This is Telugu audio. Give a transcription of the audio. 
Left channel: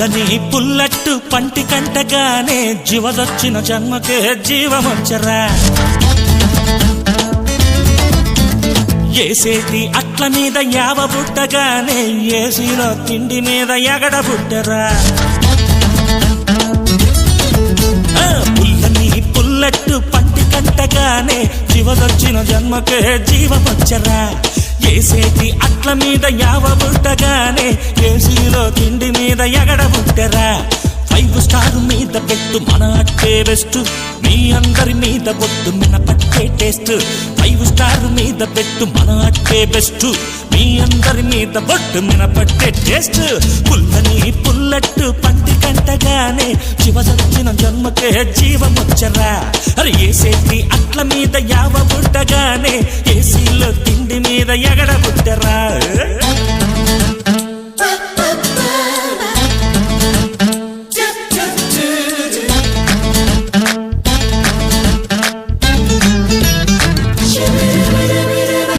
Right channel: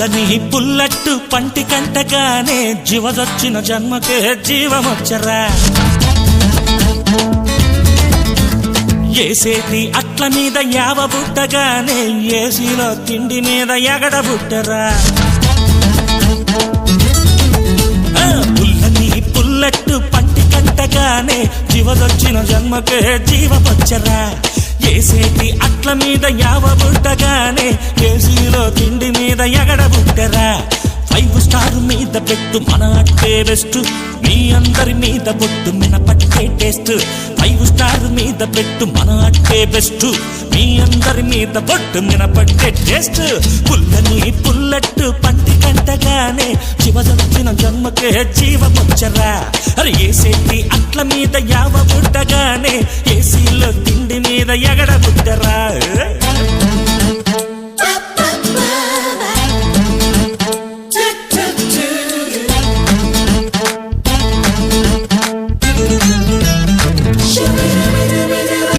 పుల్లని పుల్లట్టు పంటి కంటగానే జీవదొచ్చిన జన్మకే జీవమొచ్చరా ఏసేటి అట్ల మీద యావ బుట్టగానే ఏసీలో తిండి మీద ఎగడ బుట్టరా పుల్లని పుల్లట్టు పంటి కంటగానే జీవదొచ్చిన జన్మకే జీవమొచ్చరా ఏసేటి అట్ల మీద యావ బుట్టగానే ఏసీలో తిండి మీద ఎగడ బుట్టరా 5 స్టార్ మీద పెట్టు మన అట్టే బెస్ట్ మీ అందరి మీద బొట్టు మినపట్టే టేస్ట్ 5 స్టార్ మీద పెట్టు మన అట్టే బెస్ట్ మీ అందరి మీద బొట్టు మినపట్టే టేస్ట్ పుల్లని పుల్లట్టు పంటి కంటగానే జీవదొచ్చిన జన్మకే జీవమొచ్చరా అరే ఏసేటి అట్ల మీద యావ బుట్టగానే ఏసీలో తిండి మీద ఎగడ బుట్టరా